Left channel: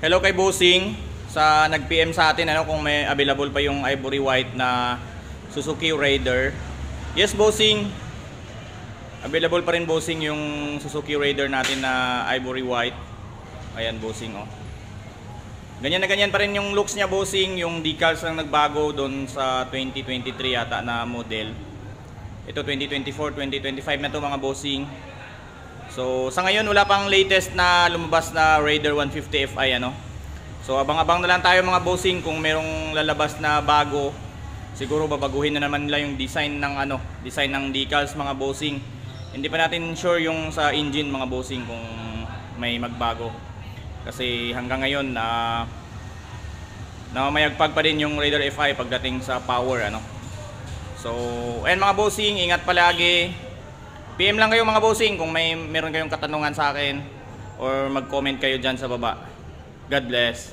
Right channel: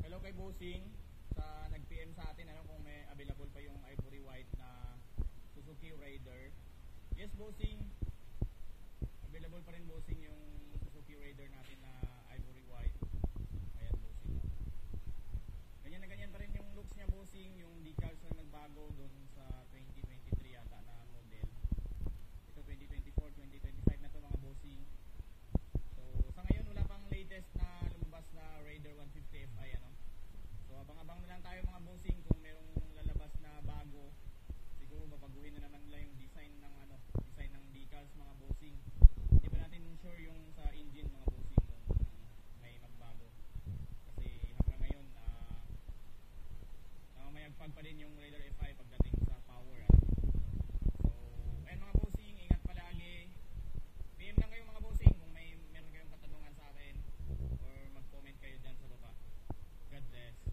Hello kay Bossing sa nag-PM sa atin kung may available pa yung ivory white na Suzuki Raider. Yes, Bossing. Available pa rin, Bossing, yung Suzuki Raider natin na ivory white. Ayan, Bossing, oh. Ganyan na ganyan pa rin yung looks niya, Bossing. Yung decals lang nagbago doon sa 2023 yata na model. Ito 2024, 2025 na to, mga Bossing. So sa ngayon wala pang latest na lumabas na Raider 150 Fi So abang-abang na lang tayo, mga Bossing, kung merong lalabas na bago. Siguro babaguhin na naman nila yung design ng design ng decals, mga Bossing. Hindi pa natin sure yung sa engine, mga Bossing, kung may magbago. Kasi hanggang ngayon namamayagpag pa din yung Raider Fi pagdating sa power So ayan, mga Bossing, ingat palagi. PM lang kayo, mga Bossing, kung meron kayong katanungan sa akin, or mag-comment kayo dyan sa baba. God bless.